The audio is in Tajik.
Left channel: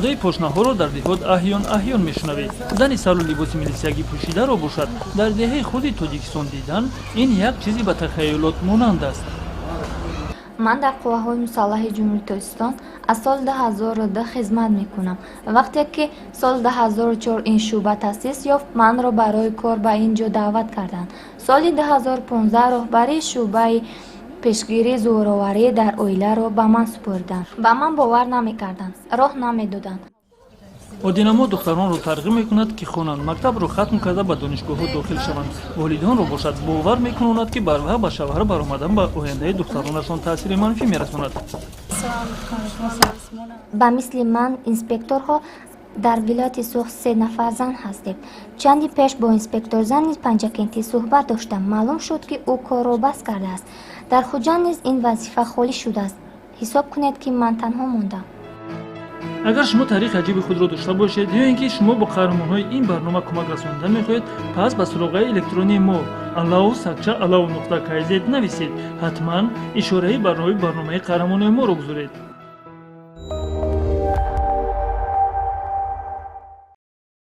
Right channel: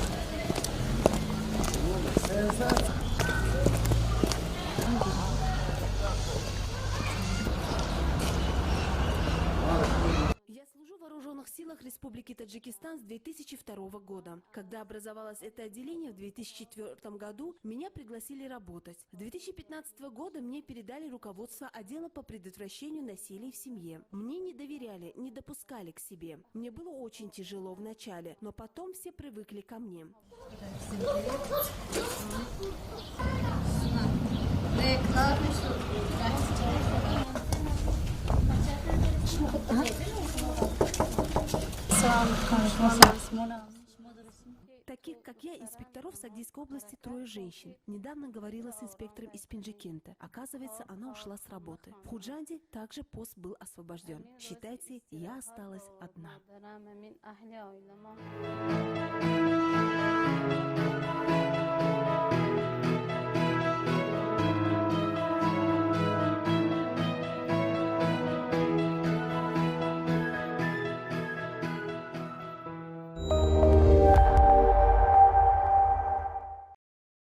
садои пошнаҳоро дар диҳот аҳён мешунавед. Дани сару либоси милисиягӣ пӯшидаро бошад дар деҳаи худи Тоҷикистон дидан ин як чизи ба тахайюлот монанд аст. ман дар қувваҳои мусаллаҳи ҷумҳурии Тоҷикистон аз соли 2002 хизмат мекунам. вақте ки соли 2004 ин шуъба таъсис ёфт, манро барои кор ба ин ҷо даъват карданд. соли 2015 роҳбарии шуъбаи пешгирии зӯроварӣ дар оиларо ба ман супурданд. ба ман бовар намекарданд, роҳ намедоданд. одинамо духтаронро тарғиб мекунад ки хонанд, мактабро хатм карда ба донишгоҳҳо дохил шаванд. волидонро бошад бовар мекунонад ки барвақт ба шавҳар баромадан ба ояндаи духтаронашон таъсири манфӣ мерасонад. ба мисли ман инспекторҳо дар вилояти Суғ 3 нафар зан ҳастем. чанди пеш бо инспектор зани панҷакентӣ суҳбат доштам. маълум шуд ки ӯ корро бас кардааст. дар хуҷанд низ ин вазифа холӣ шудааст. ҳисоб кунед ки ман танҳо мондам. агар шумо таърихи аҷиби худро дошта бошед ё ин ки шумо ба қаҳрамонҳои ин барнома кӯмак расонида мехоҳед, пас ба суроғаи электронии мо allow@allow.kz нависед. ҳатман ишораи барои барномаи қаҳрамони моро гузоред.